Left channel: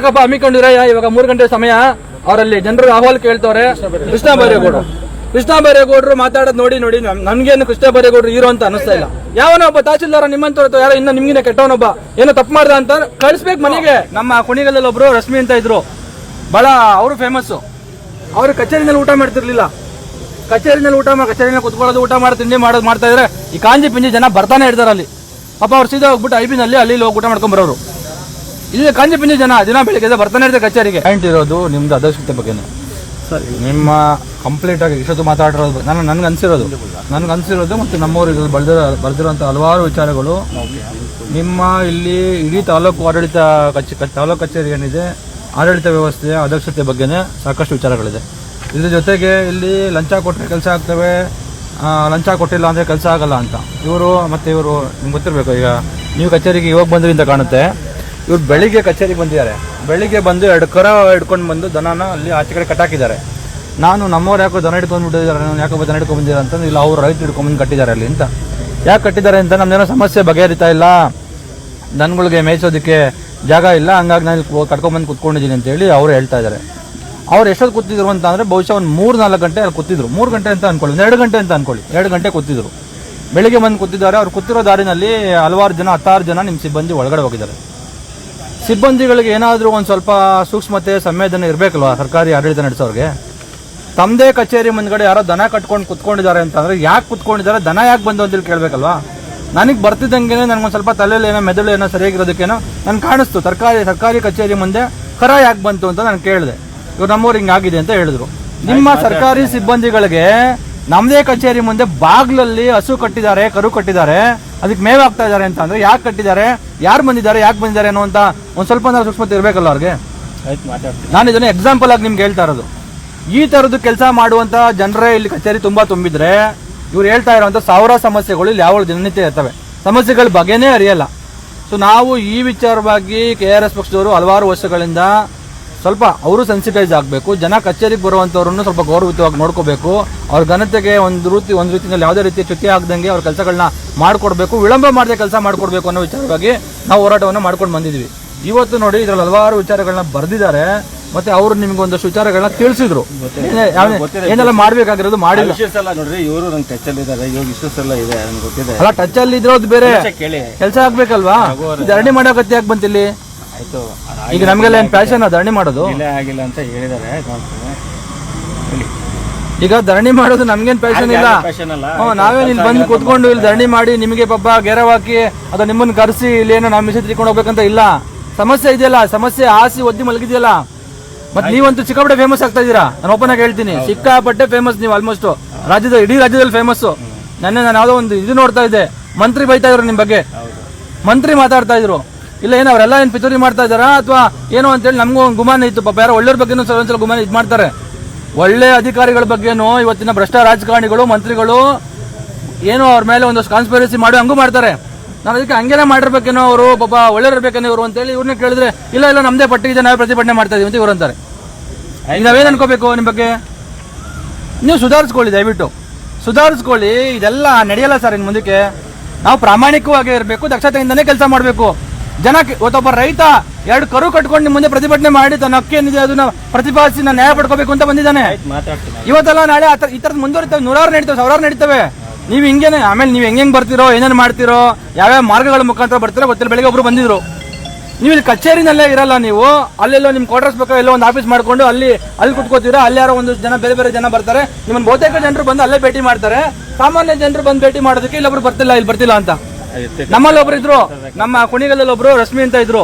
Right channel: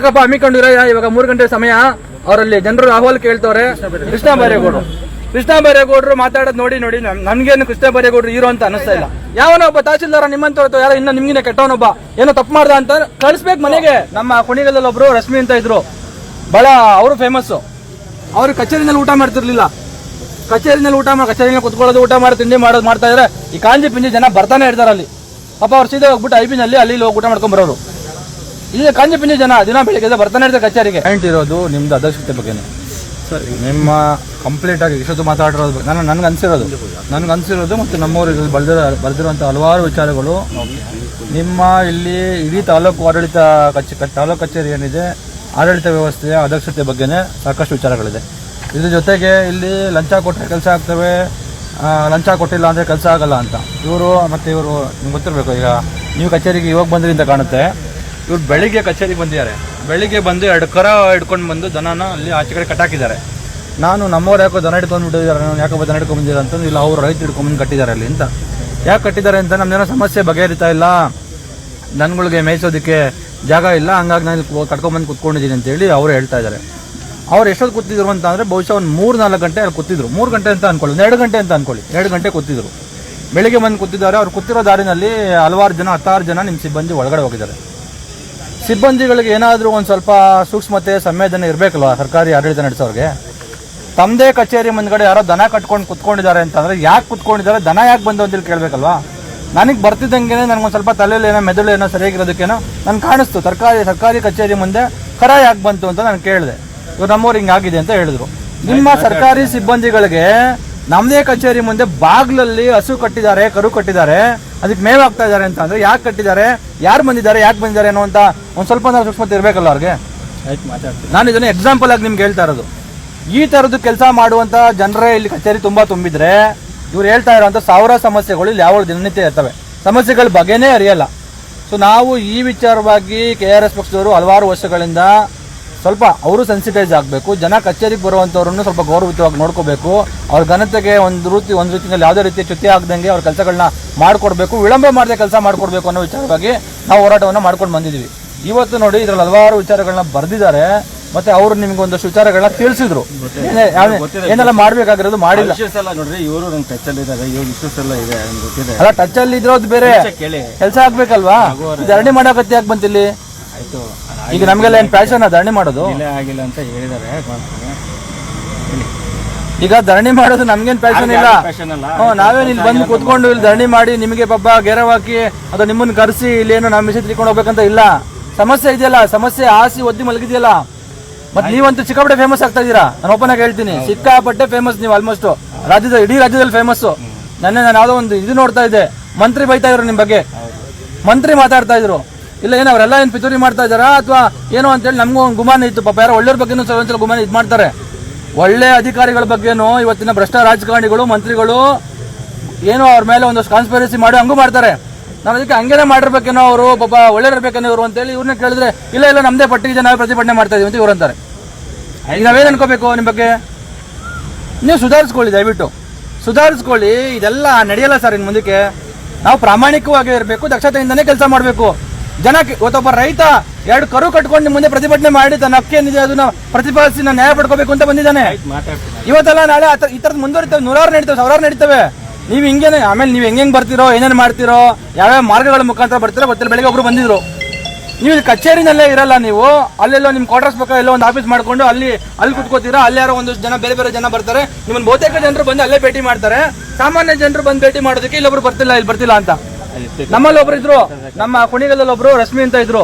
ಯಾಕಪ್ಪ ಹಮ್ಮಿಕೊಂಡಿರ? ಇವಾಗ 3 ಗಂಟೆ ಸಮಯ, ಅವರಲ್ಲಿ ಜನರು ಅಹವಾಲು ಕೇಳ್ತವ್ರೆ. ಕೃಷ್ಣ ಬೈರೇಗೌಡರು ಮಾತಾಡೋದು ನೋಡಿ ನನ್ಗೇನು ಕೃಷ್ಣ ಬೈರೇಗೌಡರು ಹೀರೋ ಅಂತ ಅನಿಸ್ತಾ ಇಲ್ಲ. ಯಾವನೋ ಒಬ್ಬ ತಹಶೀಲ್ದಾರ ನಿಮ್ಮಂತ ಯಾರೋ ಇನ್ನ ನಿಮ್ಗಿನ ಕೆಟ್ಟವನೊಬ್ಬ ಏನೋ ತಪ್ಪು ಮಾಡ್ದ ಅಂತ ಕಳಿಸ್ಬೇಕು ಮನೆಗೆ. ನಮ್ಮ ಕುಣಿಗಲಲ್ಲಿ ಒಬ್ರು ರಶ್ಮಿ ಅಂತ ಇದ್ರು, ಬಹಳ ಅವರು ಫೇಮಸ್. ಅವ್ರು ಕಚೇರಿನಲ್ಲಿ ಊಟ ಮಾಡ್ತಿರ್ಲಿಲ್ಲ. ಕಚೇರಿನಲ್ಲಿ ಕುತ್ಕೊಳ್ಳೋದು, ಊಟ ಮಾಡಿ ತಿಂಡಿ ಮಾಡೋದು ಮಾಡ್ತಾ ಇದ್ರೆ ಈ ಕಾಂಜಿ ಪಿಂಜಿ ಜನ ಬರ್ತಾನೆ ಇರ್ತಾರೆ ಅಲ್ಲಿ. ಪಾಪ ಅವ್ರು ಸೀದಾ ಹೋಗ್ಬಿಟ್ಟು ಐಬಿನಲ್ಲಿ ಅಲ್ಲಿ ಹೋಗಿ ಊಟ ಮಾಡ್ಕೊಂಡ್ ಬರೋರು. ಇಲ್ಲಿ ಕಾಂಜಿ ಪಿಂಜಿ ಜನ ದಿನ ಬೆಳಿಗ್ಗೆ ಬರ್ತಾನೆ ಇರ್ತಾರೆ ಕಚೇರಿಗೆ. ಪಾಯಿಂಟ್ ಇರೋದು ನಿಮ್ದು ಅದಕ್ಷತೆ ಬಗ್ಗೆನೇ. ನಿಮ್ಮ ಕಂಪ್ಲೀಟ್ ಆಗಿ ಇಷ್ಟೊತ್ತು ಮಾತಾಡಿರೋದು ನನ್ಗೆ ಅನ್ಸಿರೋದು ಮತ್ತು ನಮ್ಮವರು ಬರೆದಿರುವಂತಹ ಹಲವಾರು ವಿಚಾರಗಳು ನಿಮ್ಮ ಇಲ್ಲಿ ಇಡೀ ತಾಲೂಕು ಕಚೇರಿ ಏನಿದೆ ಆಡಳಿತ ವ್ಯವಸ್ಥೆಯ ಅದಕ್ಷತೆ ಬಗ್ಗೆನೇ ಸಾಕಷ್ಟು ವಿಚಾರಗಳಿದೆ. ಇದ್ರ ಜೊತೆಗೆ ಇಲ್ಲಿ ಲಂಚ ಕೊಟ್ಟರೆ ಕೆಲಸ ಆಗ್ತವೆ, ಲಂಚ ಕೊಟ್ಟಿಲ್ಲ ಅಂದರೆ ಕೆಲಸ ಆಗಲ್ಲ ಅಂತ ಇವರು ನಿಮ್ಗೆ ಗೊತ್ತಿರಬೇಕು. ಈಗ ನೀವು ಕಚೇರಿಗೆ ಇವಾಗ ಬಂದ್ರಿ ಅಂತ ಕಾಣುತ್ತೆ. ಇವ್ರು ಬೆಳಿಗ್ಗೆ ಕಚೇರಿಗೆ ಬಂದಿದ್ದಾರೆ. ಬೆಳಿಗ್ಗೆ ಬಂದು 2 ಕರ ಹಿಡ್ಕೊಂಡು ಬಂದು ದನನ ಅಲ್ಲಿ ಆಚೆ ಕಡೆ ಕಟ್ಟಾಕಿದ್ದಾರೆ. ನಾನು ನಮ್ಮವ್ರು ಯಾಕೋ ದನ ಹಿಡ್ಕೊಂಡ್ಬಿಟ್ಟಿದ್ದಾರೆ, ಯಾಕೋ ದನ ಹಿಡ್ಕೊಂಡು ಬಂದಿದ್ದಾರೆ ಅಂತ. ಇಲ್ಲ ಅವ್ರು ರೈತರು ಹಿಡ್ಕೊಂಡ್ಬಂದು ಕಟ್ಟಿದ್ದಾರೆ ಅಲ್ಲಿ ಅಂತ. ಯಾಕೆ ಕಟ್ಟಿದ್ದಾರೆ ಅಂತ ನಮ್ದೇನೋ ಸಮಸ್ಯೆ ಬಗೆಹರಿತಾ ಇಲ್ಲ, ದನಗಳಿಗೆ ಮೇಯಿಸೋದಕ್ಕೆ ಜಾಗ ಇಲ್ಲ, ಹಂಗಾಗಿ ನಾನು ಕಟ್ಕೊಂಡ್ಬಂದು ಕುತ್ಕೊಂಡಿದ್ದೀನಿ ಅಂತೇಳಿ ಅವರು ಹೇಳ್ತಾ ಇದ್ದಾರೆ. ಅವ್ರು ಎಷ್ಟೊತ್ತು ಕೂತಿದ್ರು ಅಂತ ಅಂದರೆ ಬಹುಶಃ ಒಂದು 3-4 ಗಂಟೆ ಅಲ್ಲಿ ಕೂತಿದ್ರು. 3 ಗಂಟೆ ಅಂತ ಅನ್ಕೊಳ್ಳಿ, 2 ಗಂಟೆ ಅಂತ ಅನ್ಕೊಳ್ಳಿ. 2 ಗಂಟೆ ಕೂತಿದ್ರು. ಬೆಳಿಗ್ಗೆ ಬಂದು ಕೂತಿದ್ದಾರೆ. ಅವ್ರು ಕೂತಿರೋ ದಾರಿನಲ್ಲಿ ಹಲವಾರು ಜನ 16 ಜನ ನಿಮ್ಮ ಸಿಬ್ಬಂದಿ ಒಳಗಡೆ ಹೋಗಿದ್ದಾರೆ. ಸಿಬ್ಬಂದಿಗಳಿಗೆ ಏನಾದರೂ ಒಂದು ಸ್ವಲ್ಪ ಸೂಕ್ಷ್ಮತೆ ಸಂವೇದನೆ ಇರಬೇಕಲ್ವಾ ಸರ್ಕಾರಿ ಆಡಳಿತ ನಡೆಸೋರಿಗೆ. ತಮ್ಮದೇ ಕಚೇರಿ ಮುಂದ್ಗಡೆ ಯಾರೋ ದನ ಕಟ್ಕೊಂಡು ಕುತ್ಕೊಂಡಿದ್ದಾರೆ ಅಂತಂದ್ರೆ ಯಾಕೆ ಕುತ್ಕೊಂಡಿದ್ದಾರೆ, ದನ ಯಾಕೆ ಬಂದು ಅಂತ ಕೇಳಬೇಕಲ್ವಾ. ನನಗೆ ಬರ್ತಿದ್ದಂಗೆ ನನಗೊಂದು ಸ್ವಲ್ಪ ತಲೆಯಲ್ಲಿ ಏನೋ ಮೆದುಳು ಏನೋ ಸರಿಯಾಗಿರೋದಕ್ಕೇನೋ ನನ್ಗೆ ಕಾಣಿಸ್ತು. ಸರ್ಕಾರಿ ಕಚೇರಿ ಮುಂದೆ ಕರ ಯಾಕೆ ಬಂತು ಅಂತ ನಾನು ಕೇಳಿದೆ. ಇವ್ರು ನಮ್ಮವ್ರು ಹಿಂಗಾಗಿದೆ ಅಂತ ಹೇಳಿದ್ರು. ನಿಮ್ಮ ಸರ್ಕಾರಿ ಸಿಬ್ಬಂದಿಗಳಿಗೆ ನಮ್ಮದೇ ಕಚೇರಿ ಮುಂದೆ ಬಾಗ್ಲಲ್ಲಿ ಹಸು ಕಟ್ಟಿದ್ದಾರೆ, ಕರು ಕಟ್ಟಿದ್ದಾರೆ, ಅದಕ್ಕೆ ಮೇವ್ ಆಗ್ತಾ ಇದ್ದಾರೆ ಅಂತ ಅಂದ್ರೆ ಯಾಕೆ ಕಟ್ಟಿದ್ದಾರೆ, ಯಾಕೆ ಬಂದಿದ್ದಾರೆ ಅನ್ನುವಂತ ಒಂದ್ ಸ್ವಲ್ಪ ಸೂಕ್ಷ್ಮತೆ ಇರಬೇಕಲ್ಲ ಅವ್ರಿಗೆ. ನಾನು ಇದನ್ನ ಎಕ್ಸಾಂಪಲ್ ಆಗಿ ನಿಮ್ಗೆ ಹೇಳ್ತಾ ಇರೋದು. ಈ ತರದ್ದು ಕೆಲಸ ಮಾಡುವಂತ ಜನರೇ ಇಲ್ಲಿ ಕಚೇರಿ ತುಂಬಾ ತುಂಬಿದ್ರೆ ಇವ್ರು ಹೇಳ್ತಾ ಇರುವಂತ 1000 ಸಮಸ್ಯೆಗಳು ಇಲ್ಲಿ ಯಾವ ದಿನನಿತ್ಯ ಇರ್ತವೆ. ಸಮಸ್ಯೆಗಳ ಬಗ್ಗೆನೇ ಅರಿಯಲ್ಲ. ಸೊ ನಾವು ಈ ವಿಚಾರವಾಗಿ KRS ಪಕ್ಷದವರು ಹಲವಾರು ವರ್ಷಗಳಿಂದ ಸ್ವಲ್ಪ ಅವರು ಸೆನ್ಸಿಟೈಸ್ ಆಗಬೇಕು. ಜನ ಕಚೇರಿಗೆ ಬರುವಂತವ್ರನ್ನು ಸ್ವಲ್ಪ ಗೌರವಯುತವಾಗಿ ನೋಡ್ಕೋಬೇಕು. ಅವ್ರ ಘನತೆಗೆ ಒಂದು ರೀತಿಯಲ್ಲಿ ಯಾವುದೇ ರೀತಿಯ ಚ್ಯುತಿ ಆಗದಂಗೆ ಅವ್ರ ಕೆಲಸಗಳನ್ನ ಮಾಡ್ಕೊಡ್ಬೇಕು, ವಿಳಂಬ ಮಾಡದೆ ಕೆಲಸ ಮಾಡ್ಕೊಡ್ಬೇಕು ಅನ್ನೋ ವಿಚಾರವಾಗಿ ನಾವು ಹೋರಾಟವನ್ನು ಮಾಡ್ಕೊಂಡು ಬಂದಿದ್ವಿ. ಇವತ್ತು ನೋಡಿ ಇದ್ರಲ್ಲಿ ಹಲವಾರು ವಿಚಾರಗಳನ್ನ ಬರೆದಿದ್ದಾರೆ. ಮತ್ತೆ ಅವರು ನಿಮ್ಗೆ ಒಂದಷ್ಟು ವಿಚಾರಗಳನ್ನ ತಿಳಿಸಿದ್ರು, ಏನೆಲ್ಲ ಮಾಡ್ಬೇಕಾಗಿರೋದು ಮಾಡಿಲ್ಲ. ನೋಡ್ರಿ ಇವರು ನಂಗೆ ಟಚ್ ಅಲ್ಲಿ ಇದ್ದಾರೆ, ಇವಾಗ ಇಶ್ಯೂಸ್ ಎಲ್ಲ ಇದೆ ಗೊತ್ತಿದೆ. ಅಲ್ಲ ಟಚ್ ಅಲ್ಲಿ ಇದ್ರೋದು ಬೇರೆ, ಕೆಲಸ ಆಗ್ಬೇಕಲ್ವಾ. ಧರಣಿ ಮಾಡೋಕತ್ತೆ ಯಾಕೆ ಬಂತಿಲ್ಲಿ? ಈಗ ನಮ್ಗೆಲ್ಲ ಏನ್ ಪ್ಯಾಷನ್ ಧರಣಿ ಮಾಡೋದು ಆಗಿಲ್ಲ ಅಂತ ಹೇಳಿದ್ದಾರೆ. ಈಗ ಧರಣಿ ಮಾಡೋದು ನಮ್ಗೇನ್ ಪ್ಯಾಷನ್ ಇಲ್ಲ. ನಾವೇ ಇಲ್ಲಿ ಬಂದು ಕುತ್ಕೊಂಡು ಇಲ್ಲಿ ಧರಣಿ ಮಾಡಿ ನಿಮಗೆ ಪಾಪ ಗೆರವ್ ಹಾಕಿ ಅಥವಾ ನಿಮ್ಮನ್ನ ಕರೆಸಿ ಇಲ್ಲಿ ಏನೋ ನಮ್ಮ ಮಿಷನ್ ತಿಳ್ಕೊಂಡು ಹೋಗ್ಬೇಕಂತ ಇಲ್ಲ. ಸಮಸ್ಯೆ ಇದೆಯಲ್ಲ, ಸಮಸ್ಯೆ ಆಸಿ ಒದ್ದಿ ಮಲಗಿದೆಯಲ್ಲ. ಮತ್ತೆ ನೀವಂತೂ ಸಿಕ್ಕಾಪಟ್ಟೆ ಫೇಮಸ್ ಆಗ್ತಾ ಇದೀರಾ. ನಾನು ಓಪನ್ ಆಗಿ ಹೇಳ್ತೀನಿ, ಸಿಕ್ಕಾಪಟ್ಟೆ ಫೇಮಸ್ ನೀವು. ಆಲ್ಮೋಸ್ಟ್ ಇಡೀ ರಾಜ್ಯದಲ್ಲಿ ಫೇಮಸ್. ನಾನು ಯಾವುದೋ ಒಂದು ಇದು ನೋಡ್ತಾ ಇದ್ದೆ, ಮಂತ್ರಿ ಬೈತಾ ಇದ್ರು ನಿಮ್ ಬಗ್ಗೆ, ಮಂತ್ರಿ ಮಾತಾಡ್ತಾ ಇದ್ರು. ಇಲ್ಲ ಏನೋ ಅವರೆಲ್ಲ ಏನ್ ಪಿತೂರಿ ಮಾಡ್ತಾ ಇದಾರಾ ಅಥವಾ ಏನೋ ಅಂತೇಳಿ ನಮಗೂ ಒಂದು ಗುಮಾನ ಇತ್ತು. ಪಾಪ ಯಾರೋ ಒಳ್ಳೆಯವ್ರ ಬಗ್ಗೆನೂ ಒಂದ್ಸಲ ಗುಮಾನ ಇದು ಮಾಡ್ತಾರೆ. ಒಳ್ಳೆ ಅಧಿಕಾರಿಗಳ ಬಗ್ಗೆನೂ ಇವತ್ತಿನ ಭ್ರಷ್ಟ ರಾಜಕಾರಣಿಗಳು ಮಂತ್ರಿಗಳು ಏನೋ ಅವ್ರ ಮೇಲೆ ಒಂದಷ್ಟು ಕಾನ್ಸ್ಪಿರಸಿ ಮಾಡಿ ಹಂಗೂ ಮಾಡ್ತಾರೆ. ನಾನು ಅದಕ್ಕೆ ಹಂಗೇನೆ ಮಾಡಿರ್ಬೇಕೇನೋ ಅವರು, ಪಾಪ ಒಳ್ಳೆಯವ್ರಬೇಕೇನೋ ಇವರು ಅಂತೇಳಿ ಇವ್ರನ್ನ ಕೇಳಿದ್ರೆ ಇಲ್ಲ ನಮ್ದೇ ಪಟ್ಟಿ ಇದೆ, ನಾವು ಪ್ರತಿಭಟನೆ ಮಾಡ್ತಾ ಇದೀವಿ ಅಂತ ಇವ್ರು ಅಂತಾರೆ. ಈಗ ನಾವೇನ್ ಅನ್ಕೋಬೇಕು ನಿಮ್ಮ ಬಗ್ಗೆ? ನೀವು ಸುಧಾರಿಸ್ಕೊಳ್ಳಿ, ದಯವಿಟ್ಟು ಸುಧಾರಿಸ್ಕೊಳ್ಳಿ. ಇದೆಲ್ಲ ನಡೆಯಲ್ಲ ಸರ್ ಇನ್ ಮುಂದಕ್ಕೆ. ನಾವು ಪ್ರಾಮಾಣಿಕವಾಗಿ ಇರಬೇಕು, ದಕ್ಷತೆಯಿಂದನೇ ಕೆಲಸ ಮಾಡಬೇಕು. ಜನಕ್ಕೆ ಒಬ್ಬ ರೈತ 2 ಕರು ಕಟ್ಕೊಂಡು ನಿಮ್ಮ ಮುಂದೆ ಪ್ರತಿಭಟನೆ ಮಾಡಿ ತನ್ನ ಹಕ್ಕೇನಿದೆ ಅದನ್ನ ಪ್ರತಿಪಾದಿಸಿ ನಾನು ನ್ಯಾಯ ಪಡ್ಕೋಬೇಕು ಅಂತ ಬಂದಿದ್ದಾನೆ. ಇವತ್ತೆಲ್ಲ ನಾಳೆ ಈ ತರದ್ ಮುಂದುವರಿತವೆ, 100 ನಡೀತವೆ, 1000 ನಡೀತವೆ. ನೀವು ಹಿಂಗೇನೆ ಆಮೇಲೆ ನೀವು ಹೆಂಗ್ ಬರ್ತಿರೋ, ಏನೇನು ಮಾಡ್ತಿರೋ, ಯಾವ್ಯಾವ ಮಾರ್ಗಗಳ ಮುಖಾಂತರ ಬರ್ತೀರೋ ಗೊತ್ತಿಲ್ಲ. ಬೆಳಿಗ್ಗೆ ಒಬ್ರು ಬಂದಿದ್ರು, ನೀವು ಇಲ್ಲಿ ಕಚೇರಿನಲ್ಲೇ ಇರಲ್ಲ, ನೀವು ಅಲ್ಲೆಲ್ಲೋ ನಿಮ್ ಕ್ವಾರ್ಟರ್ಸ್ ಬೇಕಾ ಎಲ್ಲೋ ಒಂದು ಆಫೀಸ್ ಮಾಡ್ಕೊಂಡು ಅಲ್ಲಿ ಕುತ್ಕೋತೀರಾ. ಅಲ್ಲಿ ಯಾರೋ ಒಂದಷ್ಟು ಜನ ಬೇರೆ ಜನ ಬರ್ತಾರೆ. ನಿಮ್ಮನ್ನ ಬಹುತೇಕ ಜನರು ಬಂದು ಅಲ್ಲೇ ಭೇಟಿ ಮಾಡ್ತಾರೆ. ಸಾಮಾನ್ಯ ಜನರು ಬಂದು ಭೇಟಿ ಮಾಡೋದಕ್ಕೆ ಇಲ್ಲೊಬ್ರು ಬರ್ತಿಲ್ಲ ಅಂತ. ನಮ್ಮಲ್ಲಿ ಒಬ್ರು ಇದ್ರು, ನಮ್ಮ ಕುಣಿಗಲಲ್ಲಿ ಒಬ್ರು ರಶ್ಮಿ ಅಂತ ಇದ್ರು,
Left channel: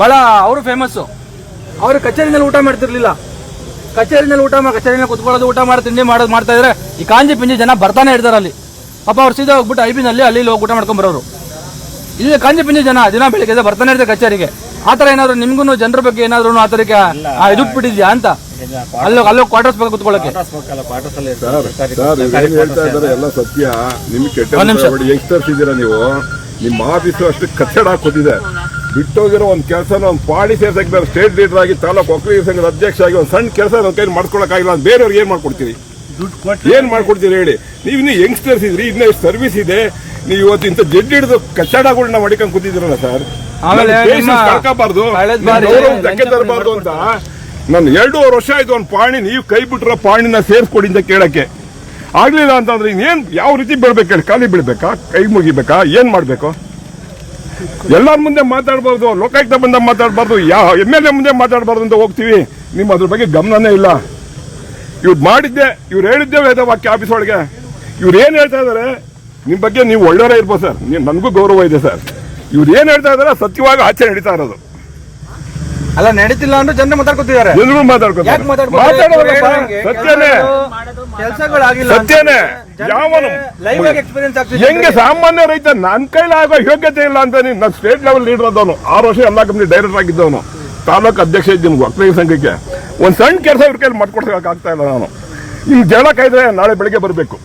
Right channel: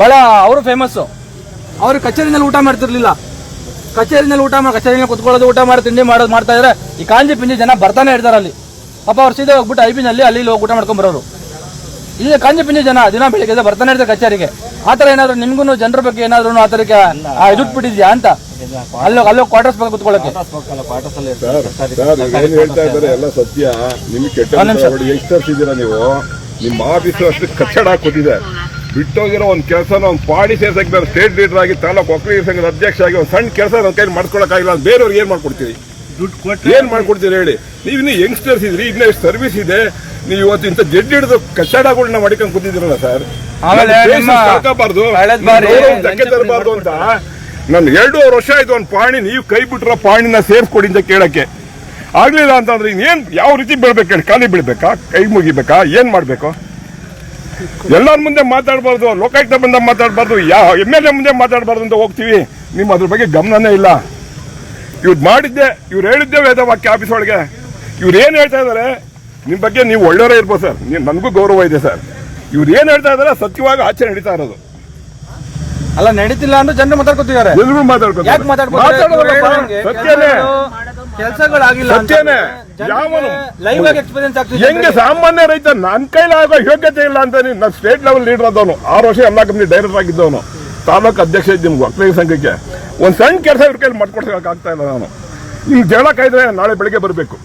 ಬಹಳ ಅವರು ಫೇಮಸ್. ಅವ್ರು ಕಚೇರಿನಲ್ಲಿ ಊಟ ಮಾಡ್ತಿರ್ಲಿಲ್ಲ. ಕಚೇರಿನಲ್ಲಿ ಕುತ್ಕೊಳ್ಳೋದು, ಊಟ ಮಾಡಿ ತಿಂಡಿ ಮಾಡೋದು ಮಾಡ್ತಾ ಇದ್ರೆ ಈ ಕಾಂಜಿ ಪಿಂಜಿ ಜನ ಬರ್ತಾನೆ ಇರ್ತಾರೆ ಅಲ್ಲಿ. ಪಾಪ ಅವ್ರು ಸೀದಾ ಹೋಗ್ಬಿಟ್ಟು ಐಬಿನಲ್ಲಿ ಅಲ್ಲಿ ಹೋಗಿ ಊಟ ಮಾಡ್ಕೊಂಡ್ ಬರೋರು. ಇಲ್ಲಿ ಕಾಂಜಿ ಪಿಂಜಿ ಜನ ದಿನ ಬೆಳಿಗ್ಗೆ ಬರ್ತಾನೆ ಇರ್ತಾರೆ ಕಚೇರಿಗೆ. ಆತರ ಏನಾದ್ರು ನಿಮ್ಗೂ ಜನರ ಬಗ್ಗೆ ಏನಾದ್ರು ಆ ತರಕ್ಕೆ ಇದಕ್ ಬಿಟ್ಟಿದ್ಯಾ ಅಂತ ಅಲ್ಲೋ ಕ್ವಾರ್ಟರ್ಸ್ ಬಗ್ಗೆ ಕುತ್ಕೊಳ್ಳೋಕೆ. ಎಲ್ಲ ಸತ್ಯ. ನಿಮ್ಗೆ ಕೆಟ್ಟ ಯಂಗ್ಸ್ಟರ್ಸ್ ಇದ್ದೀರಾ ನೀವು, ನಿಮ್ಮ ಆಫೀಸ್ ಅಷ್ಟು ಕಚ್ಚಡ ಹಾಕೋತಿದೆ. ಬಿಟ್ಟೋಗಿರೋ ಒಂದು ಕೆಲಸನ ಒಂದು ಪಾಡಿ ಸೇರ್ಸಕ್ಕೆ ನಾನು ಸ್ಟೇಟ್ ಲೀಡರ್ ಆಗಿ ತಾಲೂಕು ಒಕ್ಕಲಿಗರ ಸಂಘದ ಅಧ್ಯಕ್ಷ ಆಗಿ ಒಂದು ಸಣ್ಣ ಕೆಲಸ ನನ್ನ ಕೈ ಮಾಡ್ಕೊಳಕ್ಕಾಗಿಲ್ಲ. ಬೇರೆಯವ್ರಿಗೆ ಏನ್ ಮಾಡ್ಕೊಡ್ತೀರಿ? ಏನ್ ಮಾಡ್ಕೊಡ್ತೀರಿ ಹೇಳಿ? ನೀವು ಇನ್ನು ಯಂಗ್ಸ್ಟರ್ಸ್ ಇದ್ರಿ, ಇನ್ನೇ ಸರ್ವಿಸ್ ಇದೆ, ನೀವು ಇವತ್ತಿಂತ ಜಡ್ಡಿ ಹಿಡಿದು ಕಚ್ಚಡಗಳನ್ನ ಮಡಿಕೊಂಡು ಕೂತಿದ್ದೀರಲ್ಲ ಸರ್. ಆಮೇಲೆ ಕಳ್ಕೋಬಾರ್ದು, ಕಳೆದ ಬಾರಿ ಧಕ್ಕೆ ತರಬಾರ್ದು ಅಂತ ನಾನು 2.5 ವರ್ಷ ಆಯ್ತು ಒಂದು ಪಾಣಿ ನೀವು ಕೈ ಬಿಟ್ರ ಪಾಣಿನ ಸೇರ್ಸ್ಕೊಡಿ ಅಂತ ಕೇಳಕ್ಕೆ ಆಗ್ಲಿಲ್ಲ ಅಂತಂದ್ರೆ ಇನ್ನೇನ್ ಯಾವ ರೀತಿ ಬೀಳ್ಬೇಕು? ಖಾಲಿ ಬೀಳ್ಬೇಕಾ? ಕೈ ಮುಗಿಬೇಕಾ? ಏನ್ ಮಾಡ್ಬೇಕು? ಎಲ್ಲರ ಮುಂದೆ ಮಾತಾಡಬಾರ್ದು, ಲೋಕಾಯುಕ್ತ ಬಂದ ಮಾತಾಡಬಾರ್ದು, ಯಾವ MLA ಮುಂದೆ ಮಾತಾಡಬಾರ್ದು ಅಂತ ಹೋಗ್ತೀವಿ. ನಿಮ್ಮ ಅದ್ರ ಬಗ್ಗೆ ಗಮನನೇ ಇಲ್ಲ. ಇವ್ರು ಮಾಡಿದ್ದೆ, ಇವ್ರು ಹೇಳಿದ್ದೆ ವೇದವಾಕ್ಯ ಆಫೀಸ್ ಒಳಗೆ. ಇವ್ರು ಏನ್ ಹೇಳ್ತಾ ಇದಾರೆ ನಿಮ್ ಬಗ್ಗೆ ನೀವು ಒಳ್ಳೆಯವರೇ ಇರ್ಬೋದು ಸರ್, ನನ್ಗೂ ಗೌರವ ಇದೆ ಸರ್. ಇವ್ರು ಏನ್ ಹೇಳ್ತಾ ಇದಾರೆ ಸತ್ಯವಾಗಿ ಆಚರಣೆ ನಡೀತಾ ಇರೋದು. ಅಲ್ಲ ನಡೀತಿಲ್ಲ ಅಂದ್ರೆ ಜನರು ಮಾತಾಡ್ಕೊತಿದ್ದಾರೆ. ಜನಗಳು ಮಾತಾಡ್ತಾರೆ ಸತ್ಯನೇ, ಕೆಲಸಗಳಾಗಿಲ್ಲ, ಸತ್ಯನೇ. ಯಾವನು ಲೈವ್ ಆಗಿ ಎಕ್ಸ್ಪೀರಿಯನ್ಸ್ ಆಗ್ತಿದೆ. ಹೆಂಗೆ ಸಾಮಾನ್ಯ ರೈತ ನನ್ನ ಕೈಲಾಗೋ ಯೋಗ್ಯತೆ ಇಲ್ಲ ಅಂತ ನಾನು ಸ್ಟೇಟ್ ಲೆವೆಲ್ ಲೀಡರ್ ಆದವನು, 6 ವರ್ಷ ಎಲ್ಲಾ ಕಂಪ್ನಿ ಡೈರೆಕ್ಟರ್ ಆಗಿದ್ದವನು, ತಾಲೂಕು ಅಧ್ಯಕ್ಷ ಇದ್ದ ನಿಮ್ಗೆ ಒಕ್ಕಲಿಗ ಸಂಘಕ್ಕೆ ಒಂದ್ ಸಣ್ಣ ಕೆಲಸ ಇವ್ರ ಕೈಲಿ ಮಾಡ್ಕೊಡ್ಸಕ್ ಆಗ್ತಾ ಇಲ್ಲ. ನಾನು ನಿಮ್ಗೆ ಜಗಳ ಕಾಯ್ದ್ರೆ ನಾಳೆ ಬೆಳಿಗ್ಗೆ ಬರಬೇಕು.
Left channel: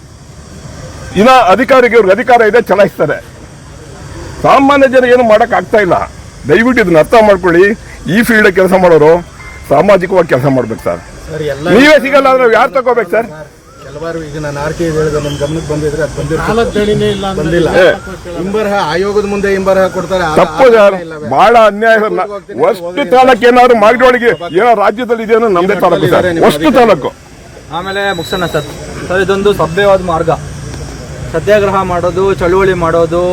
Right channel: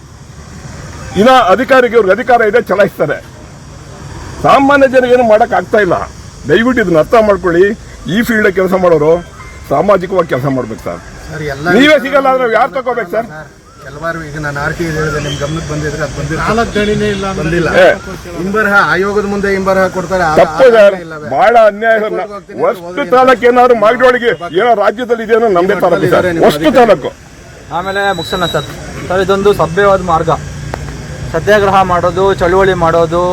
ಇನ್ನ ಅಧಿಕಾರಿಗೆ ಇವ್ರಿಗೆ ಅಧಿಕಾರ ಇದೆ, ಚಲಾಯಿಸ್ತಾರೆ. ಸಾಮಾನ್ಯ ಜನ ಏನು ಮಾಡಕ್ ಆಗ್ತಾ ಇಲ್ಲ. ದಯವಿಟ್ಟು ಇದನ್ನ ಅರ್ಥ ಮಾಡ್ಕೊಳ್ಳಿ. ಈ ಫೀಲ್ಡ್ ಕೆಲಸ ಮಾಡೋರು ಸಾಮಾಜಿಕವಾಗಿ ಕೆಲಸ ಮಾಡ್ಬೇಕು ಸರ್. ನೀವೇ ಸಿಗಲ್ಲ ಅಂದ್ರೆ ಯಾರು ತಗೋಬೇಕು ಸರ್? ಕೆಲವಾರು ಈಗ ನಾನು RT ಹೇಳಿದೆ, ನಿಮ್ ಗಮನಕ್ಕೆ ಬಂದಿದ್ರೆ ಅದು ಬಂದಿಲ್ಲ. ಹಿಂಬರಹ ಆಯೋಗದ ಮುಂದೆ ಹಿಂಬರಹ ಕೊಡ್ತಾರೆ, ತಪ್ಪು ಸರ್, ಬಹಳ ಅನ್ಯಾಯ ಸರ್. ಅಷ್ಟು ತಾಲೂಕು ಏನಾದ್ರು ಮಾಗಡಿಯೊಳಗೆ ಏನೋ ರಾಜ್ಯದಲ್ಲಿ ಇದೆಯೋ ನಮ್ದೇ ತಾಲೂಕು ಸರ್, ಅಷ್ಟು ತಾಲೂಕು. ಆಮೇಲೆ ಮುಗಿಸೋಣ ಸರ್. ಇದೊಂದು ಸಭ್ಯವಾದ ಮಾರ್ಗ. ಸತ್ಯಾಗ್ರಹ ಮಾಡೋದು, ಚಳುವಳಿ ಮಾಡೋದು,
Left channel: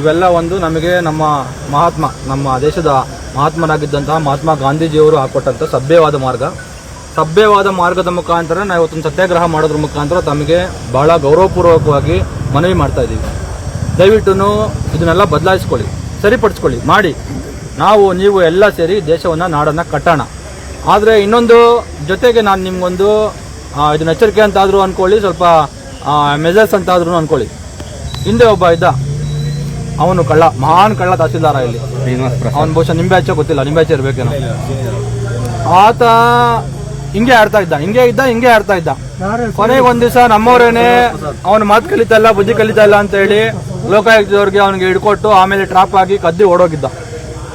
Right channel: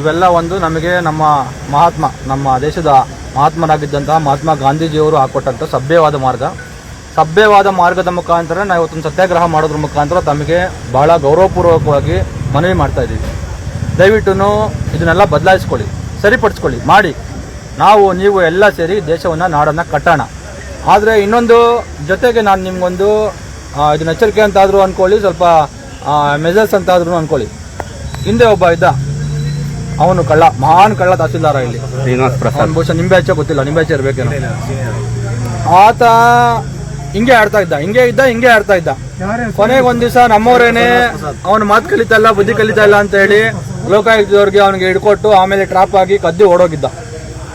ಇವೆಲ್ಲ ಒಂದು ನಮಗೆ ನಮ್ಮ ದೇಶದ ಮಹಾತ್ಮರಾಗಿದ್ದಂತಹ ಮಹಾತ್ಮ ಗಾಂಧೀಜಿಯವರು ಹಾಕೊಟ್ಟಂಥ ಸಭ್ಯವಾದ ಮಾರ್ಗ. ಸಭ್ಯವಾದ ಮಾರ್ಗದ ಮುಖಾಂತರ ನಾವು ಇವತ್ತೊಂದು ಸತ್ಯಾಗ್ರಹ ಮಾಡೋದ್ರ ಮುಖಾಂತರ ತಮಗೆ ಬಹಳ ಗೌರವಪೂರ್ವಕವಾಗಿ ಮನವಿ ಮಾಡ್ತಾ ಇದ್ದೀವಿ. ದಯವಿಟ್ಟು ಇದನ್ನೆಲ್ಲ ಬದಲಾಯಿಸ್ಕೊಳ್ಳಿ, ಸರಿಪಡಿಸ್ಕೊಳ್ಳಿ, ಮಾಡಿ. ನೀವು ಎಲ್ಲ ಸೇರಿ ದೇಶವನ್ನು, ನಾಡನ್ನು ಕಟ್ಟೋಣ. ಆದರೆ ಇನ್ನೊಂದು ಜೊತೆಗೆ ನಾನು ನಿಮ್ಗೊಂದು ಇದನ್ನ ಎಚ್ಚರಿಕೆ ಅಂತಾದರೂ ಅಂದ್ಕೊಳ್ಳಿ, ಸ್ವಲ್ಪ ಮೆಜರ್ಸ್ ಅಂತಾದ್ರೂ ಅಂದ್ಕೊಳ್ಳಿ. ಹಿಂದೆ ಒಬ್ಬ ಇದ್ದ, ಅವನು ಕಳ್ಳ, ಮಹಾನ್ ಕಳ್ಳ ತಹಸೀಲ್ದಾರ ಇಲ್ಲಿ. ಅವನು ಬಹುಶಃ ನಿಂಬೆ ಹಚ್ಚೋ ಗೊತ್ತಿಲ್ಲ, ನಿಂಬೆ ಹಚ್ಚ ಇರ್ಬೇಕೇನೋ. ಆತ ಹಿಂಗೆ ಆಡ್ತಾ ಇದ್ದ. ಕೊನೆಗೆ ಒಂದ್ ದಿವಸ ನಮ್ಮವರೇನೆ ಅವನ ಮಾತು ಕಲಿತಾ ಇಲ್ಲ, ಬುದ್ಧಿ ಕಲಿತಾ ಇಲ್ಲ ಅಂತ ಹೇಳಿ ಲೋಕಾಯುಕ್ತದವ್ರಿಗೆ ಅವನಿಗೆ ಹಿಡ್ಕೊಟ್ಟು ಆಮೇಲೆ ಟ್ರಾಪ್ ಆಗಿ ಕದ್ದು ಓಡೋಗಿದ್ದ.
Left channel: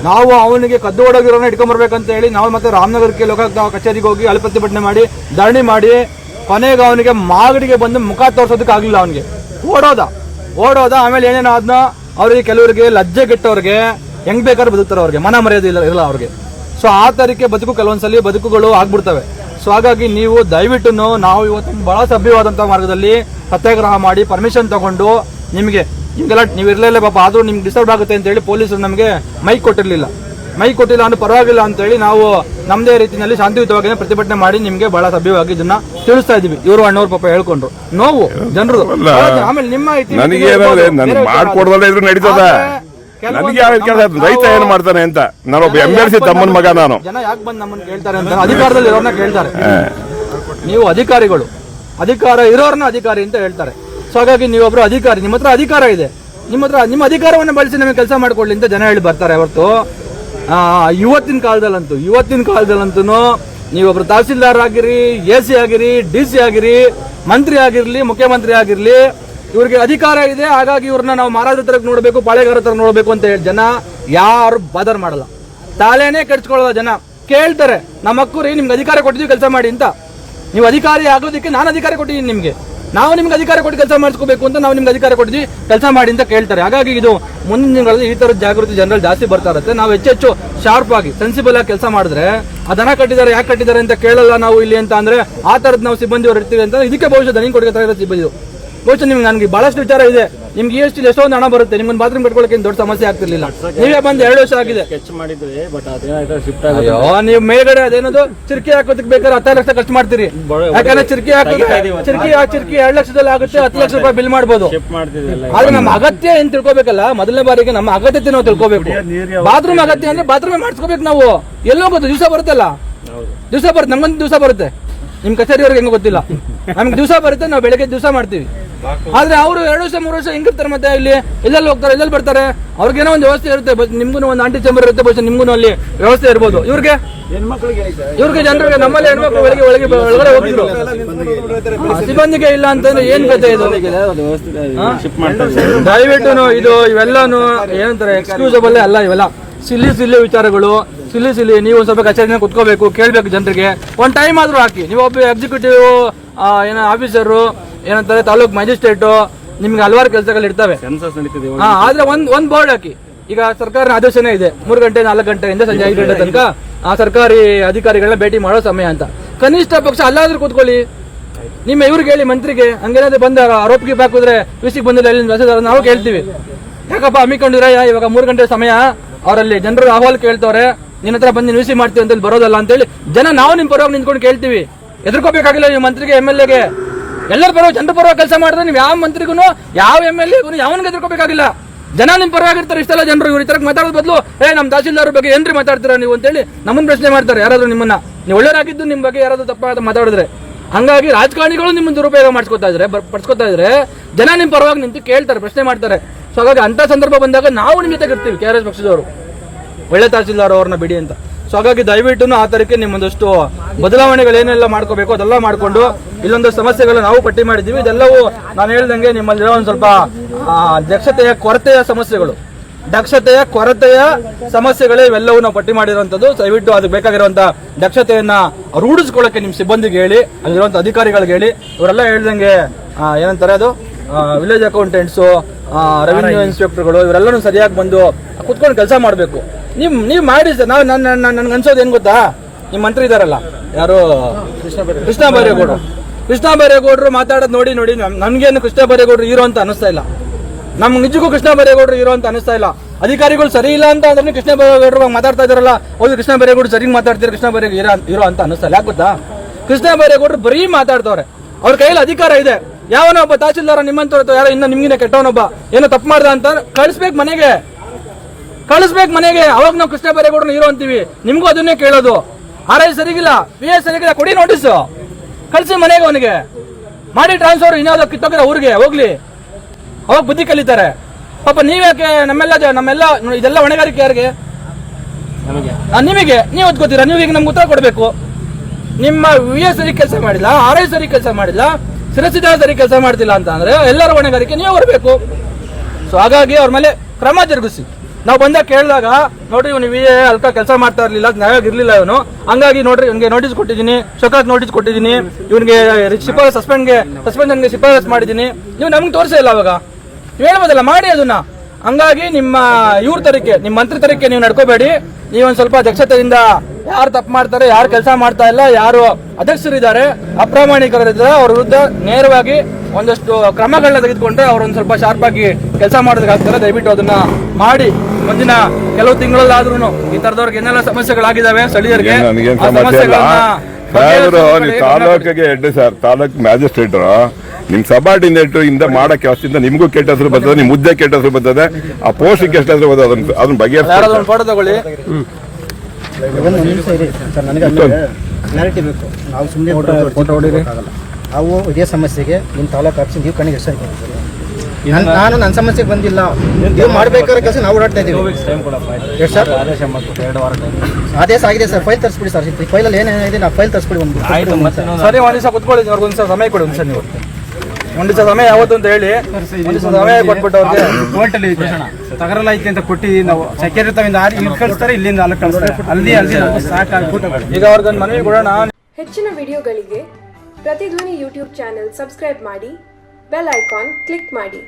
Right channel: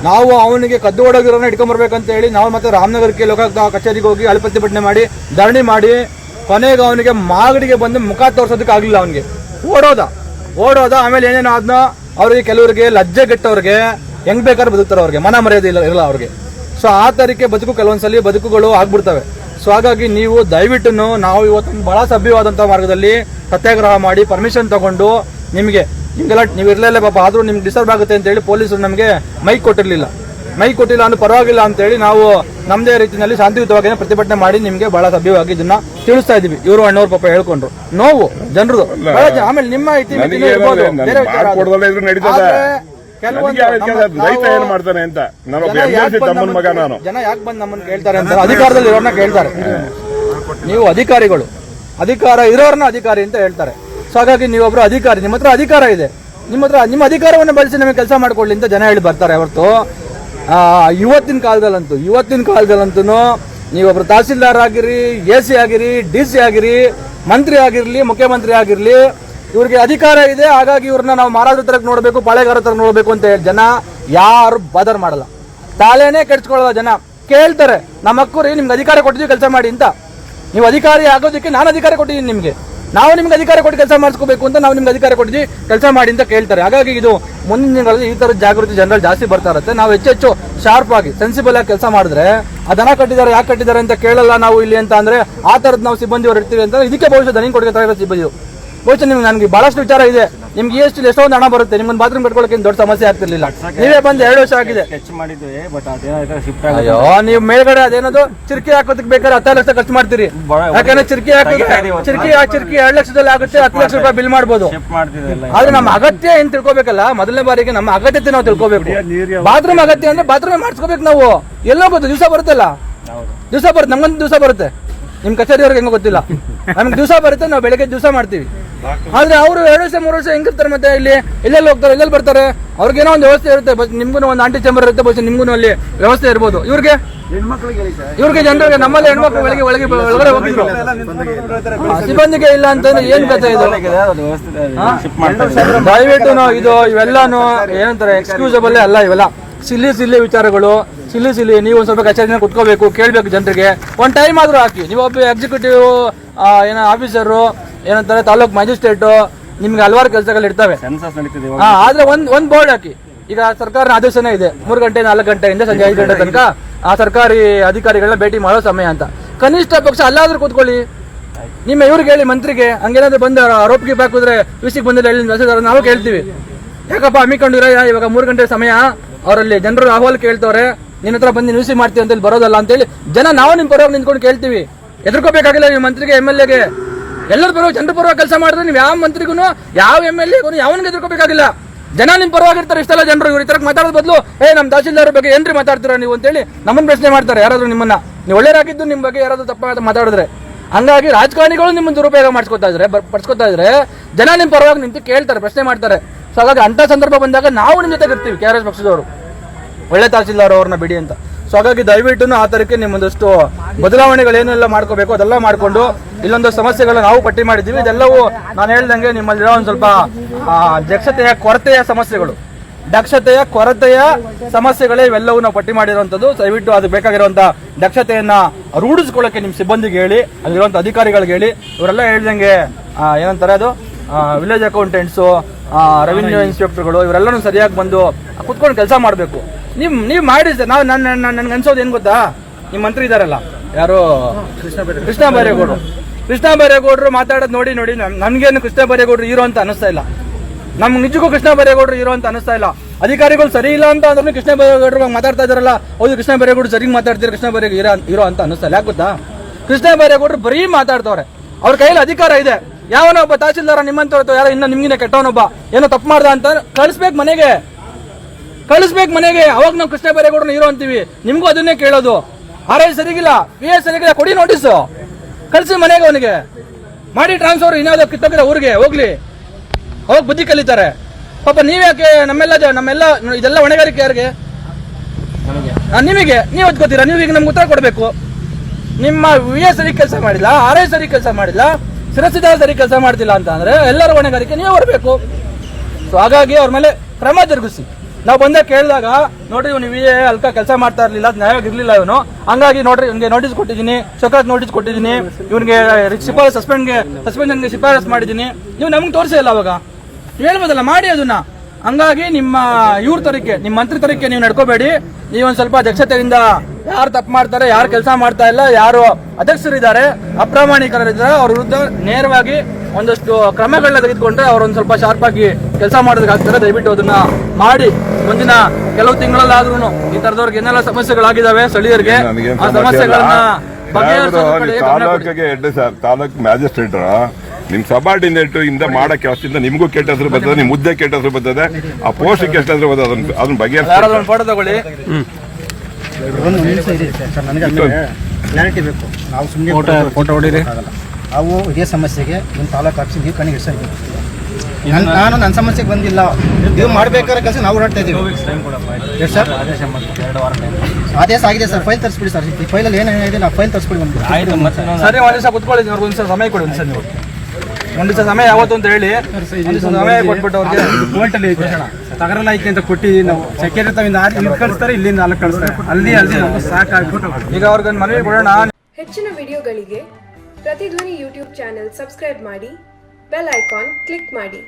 ನಾವು ಅವನಿಗೆ ಕದ್ದು ಓಡೋಗಿರೋನ ಹಿಡ್ಕೊಂಡ್ಬರ್ಬೇಕಂತ ಹೇಳಿ ನಾವು ಮತ್ತೆ ರಾಮನಗರಕ್ಕೆ ಲೋಕಾಯುಕ್ತ ಕಚೇರಿಗೆ ಹೋಗಿ ಅಳಿ ಪ್ರತಿಭಟನೆ ಮಾಡಿ, ಧರಣಿ ಮಾಡಿ, ಕೊನೆಗೆ ಅವನಿಗೆ ಮಾಗಡಿಗೆ ಬಂದು ಮುಖ ತೋರ್ಸೋದಕ್ಕೆ ಆಗ್ಲಿಲ್ಲ. ಅವನಿಗೆ ಓಡೋದ. ಆಮೇಲೆ ಏನೇನೋ ಆದ್ನೋ ಅವ್ರಿಗೆ ಕೆಲವರಿಗೆ ಲಜ್ಜೆ ಗೆಟ್ಟವ್ರಿಗೆ ಹೆಂಗ್ ಬೇಕಾದ್ರೂ ಬದುಕ್ತಾರೆ, ಅವ್ರಿಗೆ ಮನ ಮರ್ಯಾದೆ ಇರಲ್ಲ ಅವ್ರಿಗೆ. ಸೊ ಆ ತರಕ್ಕೆ ಬದುಕುಗಳು ಆಗ್ಬಿಡ್ತವೆ. ಸೊ ಹಾಗಾಗಿ ನೀವು ದಯವಿಟ್ಟು ನಾವು ಇವತ್ತು ಬಹಳ ಸಭ್ಯವಾದಂತಹ ಮಾರ್ಗದಲ್ಲಿ ಸತ್ಯಾಗ್ರಹ ಮಾಡಿ ಪರ್ಮಿಷನ್ ತಗೊಂಡು ನಿಮ್ಗೆ ಹಿಂಗೆಲ್ಲ ನೀವು ಇರಲಿಲ್ಲ ಪಾಪ, ಆದ್ರೂ ನಿಮ್ಗೆ ಡಿಸ್ಟರ್ಬ್ ಆಗುತ್ತೆ ಅಂತ ಹೇಳಿ ಪೊಲೀಸರು ನಮಗೆ ಮೈಕ್ ಕೊಟ್ಟಿಲ್ಲ ಅಂದ್ರೆ ಪರವಾಗಿಲ್ಲ ಅಂತ ಹೇಳಿ ನಾವು ನಮ್ದೇ ರೀತಿಯಲ್ಲಿ ಶಾಂತಿಯುತವಾಗಿ ಪ್ರತಿಭಟನೆ ಮಾಡಿ ನಿಮ್ಗೆ ಬಹಳ ಸಭ್ಯವಾಗಿ ಇದನ್ನ ತಿಳಿಸ್ತಾ ಇದೀವಿ. ಇವರು ಅಣ್ಣವ್ರ ಪಾಪ ಹೇಳ್ಕೊಂಡ್ರು, ನೋವು ಜನರು. ಆಮೇಲೆ ನಿಮ್ಮ ರೈತ ಏನ್ ಮಾಡ್ತಾನೆ ಅಂತ ನಾನೊಬ್ಬ MLC ತಮ್ಮನ ಮಗ. ನಾನು ಜನ ಯಾಕೆ ಬಂದು ನಮ್ಮನ್ನು ಕೇಳ್ತಾರೆ ಅಂತ ಅಧಿಕಾರದಲ್ಲಿ ಇರೋರ್ನ ಕೇಳ್ತಾರೆ. ನೀವು ಅಧಿಕಾರಿಗಳು, ಅಧಿಕಾರ ಇರೋರ್ನ ಅಧಿಕಾರಿ ಅಂತ ಹೇಳ್ತಾರೆ. ಸೊ ಹಾಗಾಗಿ ನೀವೊಬ್ರು ಅಧಿಕಾರಿ, ನಿಮ್ಮ ಹತ್ರ ಅಧಿಕಾರ ಇದೆ, ನಿಮ್ಮ ಅಧಿಕಾರವನ್ನು ಬಳಸಿ ನಮಗೆ ಕೆಲಸ ಮಾಡ್ಕೊಳ್ಳಿ ಅಂತ ಜನ ಹೇಳಿ ಬರ್ತಾರೆ ಹೊರತು ಇವತ್ತಿನ ಕಾಲದಲ್ಲಂತೂ ನೀವೊಬ್ರು ತಹಸೀಲ್ದಾರ್ ಆಗಿರಿ, AC ಆಗಿರಿ, DC ಆಗಿರಿ, ಮಂತ್ರಿ ಆಗಿರ್ಲಿ, ಮುಖ್ಯಮಂತ್ರಿ ಆಗಿರ್ಲಿ, ಇವ್ರಿಗೆ ಅಧಿಕಾರ ಇದೆ. ಹಾಗಾಗಿ ಇವ್ರನ್ನ ನಾವು ಮಹಾರಾಜರ ತರ ನೋಡ್ಬೇಕು, ಪಾಳೆಗಾರ ತರ ನೋಡ್ಬೇಕು ಅಂತ ಹೇಳಿ ಜನ ಯಾರು ಬಾದರ್ ಮಾಡಲ್ಲ. ತಾಲೇನೆ ಕೆಡ್ಸ್ಕೊಳ್ಳೋ ಜನ ಕೇಳ್ತಾರೆ, ನಮ್ಮ ಅಕ್ಕೂರಿ ನಿಮ್ಗೆ ಅಧಿಕಾರ ಕೊಟ್ಟಿದ್ದೀವಿ ಕೆಲಸ ಮಾಡಿ ಅಂತ. ನೀವು ಅಧಿಕಾರಿ ಆಗೋದಕ್ಕೆ ನಾನು ಅಧಿಕಾರ ಕೊಟ್ಟಿದ್ದೀನಿ ನಿಮ್ಗೆ, ನಾವು ನಿಮ್ಗೆ ಅಧಿಕಾರ ಕೊಟ್ಟು ಕೆಲಸ ಮಾಡಿಸ್ಕೋಬೇಕು ಅಂತ ನಾವು ನಿಮ್ಗೆ ಅಧಿಕಾರ ಕೊಟ್ಟಿದ್ದೀವಿ ಕೆಲಸ ಮಾಡಿ ಅಂತ ಕೇಳ್ತಾರೆ. ಹಾಗಾಗಿ ಇದು ಮುಂದಿನ ದಿನಗಳಲ್ಲಿ ಈ ತರದ ಜಾಗೃತಿ ಜನರಲ್ಲಿ ಜಾಸ್ತಿ ಬರ್ತಾ ಇರುತ್ತೆ. ನಾವು ಹೆಚ್ಚು ಶಾರ್ಪ್ ಆಗಿ ಸೆನ್ಸಿಬಲ್ ಆಗಿ ಕೆಲಸ ಮಾಡಿದ್ರೆ ಅದನ್ನ ಕಟ್ಟಿದ್ದಾರೆ, ಯಾಕೆ ಕಟ್ಟಿದ್ದಾರೆ ಅಂತ ಕೇಳಲ್ಲ ನಾವು ಇಲ್ಲಿ ಅಂತ ಅಂದ್ರೆ ಆ ತರದ್ ನಾವು ಸಿಬ್ಬಂದಿಯವರು ಇರ್ತೀವಿ ಅಂತ. ಇದಕ್ಕೆ ಬಹುಶಃ ದನಿ ಕೊಡ್ತಾ ಇರೋ ಸಿಬ್ಬಂದಿ ಬಹುಶಃ ನಿಮ್ಗೆ ನನಗೆ ಬಹಳಷ್ಟು ವಿಚಾರ ಇದೆ. ನಿಮ್ಗೆ GST ಎಷ್ಟೊಂದು ಹಣ ಬರುತ್ತೆ, ನಿಮ್ಗೊಂದು ಬಾತ್ರೂಮ್ ಕಟ್ಕೊಳ್ಳೋಕೆ ದೊಡ್ಡ ಸಮಸ್ಯೆ ಆಗ್ತಿರ್ಲಿಲ್ಲ. ನೀವೇ ಬಂದು 2 ವರ್ಷ ಆಗಿದೆ. ಅಯ್ಯೋ ನೀವು ಮೇಲ್ಗಡೆ ಅದೇನದು ಚಿರ್ಕಿ ಹಾಕೋದಕ್ಕೆ ಬೇಕಾದ್ರೆ 10 ಲಕ್ಷ ಖರ್ಚು ಮಾಡ್ತೀರಿ. ಯಾಕಂದ್ರೆ ಚಿರ್ಕಿ 2 ಲಕ್ಷದಲ್ಲಿ ಆಗುತ್ತೆ, 10 ಲಕ್ಷ ರೂಪಾಯಿ ಬಿಲ್ ಮಾಡ್ಬೋದು. ಆದ್ರೆ ನಮ್ಮ ಅಗತ್ಯ ಏನ್ ತಿಳ್ಕೊಬೇಕಲ್ಲ, ಮೊದಲನೇ ಬಾರಿಗೆ ನಮ್ಮ ಅಗತ್ಯತೆ ನಾವು ತಿಳ್ಕೊಬೇಕು. ಬಾತ್ರೂಮ್ ಅಗತ್ಯ ಅಂದ್ರೆ ಬಾತ್ರೂಮ್ ಮಾಡಿಸ್ಕೋಬೇಕು ನಾವು. ಎಲ್ಲೋ ಗೊತ್ತು ದಿವಸ ಬರುತ್ತೆ, ನಮ್ಗೊಂದು ದಿವಸ ಬರುತ್ತೆ. ನಿಮ್ ಕಚೇರಿಯವ್ರಿಗೆ ಹೆಂಗೋ ಗೊತ್ತಿಲ್ಲ, ನಮ್ಗೆ ದಿವಸ ಬರುತ್ತೆ, ನಾವು ಬೆಳಗ್ಗೆ ದಿವಸ ಮಾಡ್ತೀವಿ. ಆದ್ರೆ ಅವರು 2 ವರ್ಷ 3 ವರ್ಷ ಹೆಂಗಿರ್ತಾರೆ, ಮತ್ತೆ ಇಲ್ಲಿ ಎಲ್ಲೆಲ್ಲಿ ಹೋಗ್ತಾರೆ, ಎಲ್ಲೆಲ್ಲಿ ಬರ್ತಾರೆ, ಅವ್ರಿಗೇನೋ ಒಂದು ವ್ಯವಸ್ಥೆ ಇರುತ್ತೆ. ನಿಮ್ಗೂ ಒಂದು ಆಂಟಿ ಚೇಂಬರ್ ಇರುತ್ತೆ, ಬಹುಶಃ ನಿಮ್ಗೂ ಅಲ್ಲಿ ವ್ಯವಸ್ಥೆ ಇರ್ಬೋದು. ಇವ್ರಿಗೆ ಜನರಿಗೆ ನಮ್ಮಲ್ಲಿ ಹೆಣ್ಮಕ್ಳು ಒಳಗಡೆ ಹೋಗಿದ್ರು, ಸಿಬ್ಬಂದಿಗೆ ಇಲ್ಲ ಅಂತಂದ್ರೆ ಏನ್ ಕಥೆ ಇದು? ದಯವಿಟ್ಟು ಇವೆಲ್ಲಾನು ಏನಂತಾರೆ ಎಕ್ಸ್ಕ್ಯೂಸಬಲ್ ಅಲ್ಲ. ಇವೆಲ್ಲ ಸಿಲ್ಲಿ ವಿಚಾರಗಳು, ನೀವು ಒಂದ್ ಸ್ವಲ್ಪ ಕಚೇರಿನ ಕುತ್ಕೋಬೇಕು, ಕೇಳ್ಬೇಕು ಜನರಿಗೆ. ಒಂದ್ ಟೈಮ್ ಆದ್ರೂ ಹಾಕಿ. ನೀವೊಬ್ಬ ಎಕ್ಸಿಕ್ಯೂಟಿವ್ ಆಫೀಸರು, ಏನಂತಾರೆ ತಾಲೂಕ್ ಮ್ಯಾಜಿಸ್ಟ್ರೇಟು, ನಿಮ್ಗೆ ಹಲವಾರು ಕೆಲಸಗಳು ಇರ್ತವೆ. ಸೆನ್ಸಸ್ ನಡೀತಿದೆ ಇವಾಗ. ಆದ್ರೆ ಒಂದ್ ಬೋರ್ಡ್ ಹಾಕಿ. ಈಗ ಸರ್ಕಾರದ ಆದೇಶನೇ ಇದೆ 3 ಗಂಟೆ 4 ಗಂಟೆಯಿಂದ ಸಂಜೆ 5 ಗಂಟೆ ತನಕ ಆ ಸರ್ಕಾರಿ ಅಧಿಕಾರಿಗಳನ್ನ ಭೇಟಿ ಮಾಡೋ ಸಮಯ ಅಂತ. ಕನಿಷ್ಠ ಪಕ್ಷ ಅಲ್ಲಾದ್ರೂ ಕೂತ್ಕೊಳ್ಳಿ. ನಿಮ್ಮ ಇವ್ರಿಗೆ ಹೇಳಿ, ಮಂತ್ರಿಗೆ ಹಂಗೇನಾದ್ರು ಬಂದ ಆರೋಪಿಗೆ ಹಾಕಿದ್ರೆ ವಿಸಿಗೆ ಬಂದಿಲ್ಲ ಇಲ್ಲಿ ನಾವು ಕೇಳ್ತೀವಿ. ಯಾಕಪ್ಪ ಹಮ್ಮಿಕೊಂಡಿರ ಇವಾಗ 3 ಗಂಟೆ ಸಮಯ, ಅವರಲ್ಲಿ ಜನರು ಅಹವಾಲು ಕೇಳ್ತವ್ರೆ, ನಿನ್ನ ಹತ್ರ ಬಂದು ವಿಸಿ ಮಾಡ್ತೀವಿ ಅಂತ ಬರೋದಲ್ಲ ಅಂತೇಳಿ ಜನ ನಾವು ನಿಮ್ ಪರವಾಗಿ ನಿಂತ್ಕೊಂಡು ಕೇಳ್ತೀವಿ. ಎದುರ್ಕೋಬೇಕಾಗಿಲ್ಲ ನೀವು ಮಂತ್ರಿಗೆ MLA-ಗೆ. ಎಲ್ಲರ ಪರವಾಗಿ ಜನರ ಪರವಾಗಿ ಕೆಲಸ ಮಾಡಿದ್ರೆ ನೀವು ಯಾವ ಮಂತ್ರಿಗೂ ಯಾವ MLA-ಗೂ ಯಾವನಿಗೆ ಎದುರ್ಕೋಬೇಕಾಗಿಲ್ಲ. ಜನ ನಿಮ್ ಪರವಾಗಿರ್ತಾರೆ. ಇಷ್ಟೆಲ್ಲ ಜನರು ಇವ್ರ ತರ ಮಾತಾಡೋದ್ ಬದಲು ನಮ್ ತಹಶೀಲ್ದಾರ್ ಬಗ್ಗೆ ಏನ್ರಿ ಮಾತಾಡ್ತೀರಾ ನೀವು ಅಂತೇಳಿ ನಮ್ಮನ್ನ ಪ್ರಶ್ನೆ ಮಾಡ್ತಾರೆ. ಯಾರಾದ್ರೂ ನಿಮ್ಮನ್ನ ನೀವು ಒಳ್ಳೆಯರಾಗಿದ್ದು ನಿಮ್ ಬಗ್ಗೆ ಯಾರಾದ್ರೂ ತಪ್ಪ ಮಾತಾಡಿದ್ರೆ. ಹಂಗಾಗಿ ರಾಜಕಾರಣಿಗಳು ನಿಮ್ಮನ್ನ ದುರುಪಯೋಗ ಪಡಿಸ್ಕೊತಾ ಇದ್ರೆ ಜನ ನಿಮ್ ಪರವಾಗಿ ನಿಂತು ಕೇಳ್ತಾರೆ, ಪ್ರಶ್ನೆ ಮಾಡ್ತಾರೆ. ಸೊ ಹಾಗಾಗಿ ಅಂತ ಸಂದರ್ಭ ಬಂದಾಗ ನಾವು ನಿಮ್ ಜೊತೆ ಇರ್ತೀವಿ. KRS ಪಕ್ಷದವರು ಒಳ್ಳೆ ತಹಶೀಲ್ದಾರ್ ಅವ್ರನ್ನ ಬಿಡಿ ಅಂತ. ಸೊ ಹಾಗಾಗಿ ದಯವಿಟ್ಟು ಆ ತರಕ್ಕೆ ನಿಮ್ಮೊಂದಷ್ಟು ಬದಲಾವಣೆಗಳು ಏನೆಲ್ಲ ಮಾಡ್ಕೋಬೇಕು ಅದೆಲ್ಲ ಮಾಡ್ಕೊಂಡು ಇಲ್ಲೊಂದು ಸಮಸ್ಯೆಗಳು ನಾವು ಪಟ್ಟಿ ಮಾಡಿದ್ದೀವಿ. ಇದೆಲ್ಲವೂ ನಾನು ಹೇಳ್ದಂಗೆ ನಿಮ್ಮಲ್ಲಿರೋ ಒಂದು ಸ್ವಲ್ಪ ದಕ್ಷತೆಯ ಕೊರತೆಯ ಸಮಸ್ಯೆಗಳೇ ಇವೆಲ್ಲವೂ ನಾವು ಪಟ್ಟಿ ಮಾಡಿರುವಂತದ್ದು. ದಯವಿಟ್ಟು ಅದಕ್ಕೆ ಬೇಕಾಗಿರುವಂತ ದಕ್ಷತೆಯನ್ನ ರೂಢಿಸ್ಕೊಳ್ಳೋಕೆ ನಿಮ್ ಸಿಬ್ಬಂದಿಗೆ ಹೇಳಿ, ಅಲ್ಲಿರುವಂತ ಅಧಿಕಾರಿಗಳಿಗೆ ಹೇಳಿ. ಇವರೆಲ್ಲ ಹೇಳ್ದಂಗೆ ಏನಂತಾರೆ ಅದು ವಿಲೇಜ್ ಅಕೌಂಟೆಂಟ್ಸ್, ರೆವಿನ್ಯೂ ಇನ್ಸ್ಪೆಕ್ಟರ್ಗಳು ಇವರೆಲ್ಲರೂ ಸರಿಯಾಗಿ ಬಂದು ಕುತ್ಕೊಂಡು ಕೆಲಸ ಮಾಡಬೇಕು. ನೀವು ಮಾಡಿ ಸರ್. ನಾವು ನನ್ಗೆ ಅನ್ಸೋದು ಏನ್ ಗೊತ್ತಾ, ನಿಮ್ ಮಂತ್ರಿ ಇದಾರಲ್ಲ ಯಾರು ಕೃಷ್ಣ ಬೈರೇಗೌಡರು ಮಾತಾಡೋದು ನೋಡಿ ನನ್ಗೇನು ಕೃಷ್ಣ ಬೈರೇಗೌಡರು ಹೀರೋ ಅಂತ ಅನಿಸ್ತಾ ಇಲ್ಲ. ನಮ್ಗೆ ನಿಜಕ್ಕೂ ಕೃಷ್ಣ ಬೈರೇಗೌಡರು ಹೀರೋ ಅಂತ ಅನಿಸ್ತಾ ಇಲ್ಲ. ಅಧಿಕಾರಿಗಳು ಸರಿ ಇಲ್ಲ ಅಂತ ಅಂದ್ರೆ ಕೃಷ್ಣ ಬೈರೇಗೌಡರು ಮಾತಾಡ್ತಾ ಇದಾರಲ್ಲ, ಹೌದು ಕೃಷ್ಣ ಬೈರೇಗೌಡರು ಸರಿ ಮಾತಾಡ್ತಾರೆ, ಕೃಷ್ಣ ಬೈರೇಗೌಡರು ಹೀರೋ ಅಂತ ಅನಿಸ್ತಾ ಇಲ್ಲ. ಯಾಕೆ ಗೊತ್ತಾ, ಕೃಷ್ಣ ಬೈರೇಗೌಡರು ಬರೀ ಮಾತಾಡ್ತವ್ರೆ. ಅವ್ರ ಕೈಯಲ್ಲಿ ಅಧಿಕಾರ ಇದೆ. ಯಾವನೋ ಒಬ್ಬ ತಹಶೀಲ್ದಾರ ನಿಮ್ಮಂತ ಯಾರೋ ಇನ್ನ ನಿಮ್ಗಿನ ಕೆಟ್ಟವನೊಬ್ಬ ಏನೋ ತಪ್ಪು ಮಾಡ್ದ ಅಂತ ಕಳಿಸ್ಬೇಕು ಮನೆಗೆ. ಅವಾಗ ನಾವು ಕೃಷ್ಣ ಬೈರೇಗೌಡರನ್ನ ಹೀರೋ ಅಂತೀವಿ. ನಿಮ್ಗೂ ಅದನ್ನೇ ಕೇಳೋದು. RI ಸರಿಗಿಲ್ಲ, PS ಸರಿಗಿಲ್ಲ, ಕೊಡಿ ನೋಟಿಸ್, ಕಳ್ಸಿ ಮನೆಗೆ, ಅವನಿಗೆ ಮಾಡಿ ಟ್ರಾನ್ಸ್ಫರ್. ಇನ್ಯಾವುದೋ ಕಿತ್ತೋಗಿದ ಊರಿಗೆ ಹೋಗ್ಲಿ, ಅವಾಗ ಬುದ್ಧಿ ಕಲಿತಾರೆ. ಪಾಪ ನೀವ್ಯಾಕೆ ನಮ್ಮೆಲ್ಲ ಇದೆಲ್ಲ ಹೊಣೆಗಾರಿಕೆ ಯಾರಿಗೆ? ನಿಮಗೆ. ನೀವು ಓದ್ಕೋತೀರಾ, ನೀವು ಈಗ ನಮ್ಗೆ ಉತ್ತರ ಕೊಡಬೇಕು. ನಿಮ್ಮ PS ಸರಿ ಕೆಲಸ ಮಾಡಿಲ್ಲ, RI ಸರಿ ಕೆಲಸ ಮಾಡಿಲ್ಲ, ಶಿರಸಿದಾರ ಸರಿ ಕೆಲಸ ಮಾಡ್ತಿಲ್ಲ ಅಂತ ಅಂದ್ರೆ ಎಲ್ಲರ ಹೊಣೆಗಾರಿಕೆ ನೀವು ಬರಬೇಕು. ಸೊ ಹಾಗಾಗಿ ಅವ್ರ ಮೇಲೆ ಕ್ರಮ ಜರುಗಿಸಿ. ನಾವು ಬಂದಾಗ ಕೇಳಿದಾಗ ನೋಡ್ರಿ ಇವನು VA ಅಲ್ಕ ಕೆಲಸ ಮಾಡ್ತಾ ಇರ್ಲಿಲ್ಲ, ನ್ಯಾಯವಾಗಿರ್ಲಿಲ್ಲ ಇವನು, ಹಂಗಾಗಿ ನೋಡ್ರಿ ಇವ್ನಿಗೆ ನೋಟಿಸ್ ಕೊಟ್ಟಿದ್ದೀನಿ, ಶೋಕಾಸ್ ನೋಟಿಸ್ ಕೊಟ್ಟಿದ್ದೀನಿ, ಇವನಿಗೆ ಸಸ್ಪೆನ್ಷನ್ಗೆ ಶಿಫಾರಸ್ ಮಾಡಿದ್ದೀನಿ. ನೀವು ನಮ್ಗೆ ತೋರಿಸೇ ಇಲ್ಲ. ಅವಾಗ ನೀವು ಹೇಳ್ಬೋದಲ್ಲ, ಮಾಡಿ ಅದನ್ನ. ಹಂಗಾಗಿ ನಿಮ್ಮ ನಿಮ್ಮ ಮಂತ್ರಿ ತರಕ್ಕೆ ನೀವು ನಡ್ಕೋಬೇಡಿ. ನೀವೊಂದ್ ಸ್ವಲ್ಪ ದಕ್ಷತೆಯಿಂದ ಯಾರು ತಪ್ಪು ಮಾಡ್ತಾರೆ, ಯಾರು ಕೆಲಸ ಮಾಡ್ತಾ ಇಲ್ಲ, ಯಾರು ಅಧ್ಯಕ್ಷರಿದ್ದಾರೆ, ಅಪ್ರಾಮಾಣಿಕರಿದ್ದಾರೆ, ಅವ್ರ ವಿರುದ್ಧ ನೇರವಾಗಿ ಒಂದಷ್ಟು ಕ್ರಮಗಳನ್ನ ತೆಗೆದುಕೊಂಡ್ರೆ ಅವ್ರೊಂದ್ ಸ್ವಲ್ಪ ಶಾರ್ಪ್ ಆಗಿ ಕೆಲಸ ಮಾಡೋದಕ್ಕಾಗ್ತಾರೆ. ದಯವಿಟ್ಟು ಅದನ್ನ ಮಾಡಿ. ಮುಂದಿನ ಕೆಲವು ತಿಂಗಳಲ್ಲಾದ್ರೂ ಈ ತರದವ್ರಿಗೆ ಏನೆಲ್ಲ ಸಮಸ್ಯೆಗಳಾಗಿದ್ದಾವೆ ಸ್ಥಳೀಯರಿಗೆ, ಆ ಸಮಸ್ಯೆಗಳನ್ನ ತಾಲೂಕಿಗೆ ಹೆಡ್ ಸರ್, ತಾಲೂಕ್ ಮ್ಯಾಜಿಸ್ಟ್ರೇಟ್ ನಿಮ್ ಸಬಾರ್ಡಿನೇಟ್ ಇಂದ ಮಾಡೋ ಕೆಲಸದಿಂದ ನಿಮ್ಗೂ ಕೆಟ್ಟ ಹೆಸರು ಬರ್ತದೆ, ನಿಮ್ ಮುದ್ದೆ ಕೆಟ್ಟ ಹೆಸರು ಬರ್ತದೆ, ಆ ಪೋಸ್ಟ್ ಕೆಟ್ಟ ಹೆಸರು ಬರ್ತದೆ. ಅದನ್ನ ಬಗೆಹರಿಸಿ ಫೋಟೋ ತಗೊಳ್ಳಿ. ಒಂದು ನಿಮಿಷ ಇದೆ ಸರ್, ನನಗೆ ಕ್ಲಾರಿಟಿ ಬೇಕು. ನಾವು ಸುಮ್ಮನೆ ಫೋಟೋ ಹೊಡಿರಿ. ಅವು ಇದೇ ಸಮಸ್ಯೆಗೆ ನಿಮ್ಮ ತಾಲೂಕು ಆಫೀಸಿಗೆ ನೀವು ಕಣ್ಣಿಗೆ ಎಷ್ಟು ನಾನು ನನ್ನ ಸಮಸ್ಯೆಗೆ ಬಂದಿಲ್ಲ. ನೀವು ಮಾಡ್ಬೇಕಾದ್ರೆ ಕೆಲಸ ನಾವು ಓಡಾಡ್ತಾ ಇದ್ದೀವಿ ಸರ್. ಆದೇಶ ಆಗಿದೆ ಸರ್, ಫೈಲ್ ತರಿಸ್ಬಿಡಿ ಸರ್. ಈ ಫೈಲಲ್ಲಿ ಏನೇನಿದೆ ನಾವು ಫೈಲ್ ತರಿಸ್ಬಿಡಿ. ಒಂದು ಸರಿ, ಒಂದು ದಿವಸ ಕುತ್ಕೊಳ್ಳಿ, ಒಂದ್ಸಲ ಸಮಯ ಕೊಡಿ. ಒಂದ್ಸಲ ನೀವು ಒಂದು ದಿವಸ ಸಮಯ ಯಾವತ್ತು ಅಂತ ಹೇಳಿ ಸಮಯ ಕೊಟ್ಬಿಟ್ಟು ಅವ್ರಿಗೆ ತಗರಲ್ಲ ಐತಿ ಅಂತ ಕೊಟ್ಟಿದ್ದೀವಿ ನಾವು. ಸೆಕ್ಯೂರಿಟಿ ಇಲ್ಲಿ ಕಳಿಸ್ತಾರೆ, ಇಲ್ಲಿಂದ ಅಲ್ಲಿ ಕಳಿಸ್ತಾರೆ, ಅಲ್ಲಿ ಸಾಕಾಗ್ಬಿಟ್ಟು ಈಗ ಅವ್ರಿಗೊಂದು ಮನವಿ ಕೊಡೋಣ. ಹೆಚ್ಚಿನ ವಿಡಿಯೋಗಳಿಗೆ ಪ್ರತಿಧ್ವನಿ ಯೂಟ್ಯೂಬ್ ಚಾನೆಲ್ ಸಬ್ಸ್ಕ್ರೈಬ್ ಮಾಡಿ, ಬೆಲ್ ಐಕಾನ್ ಕ್ಲಿಕ್ ಮಾಡಿ.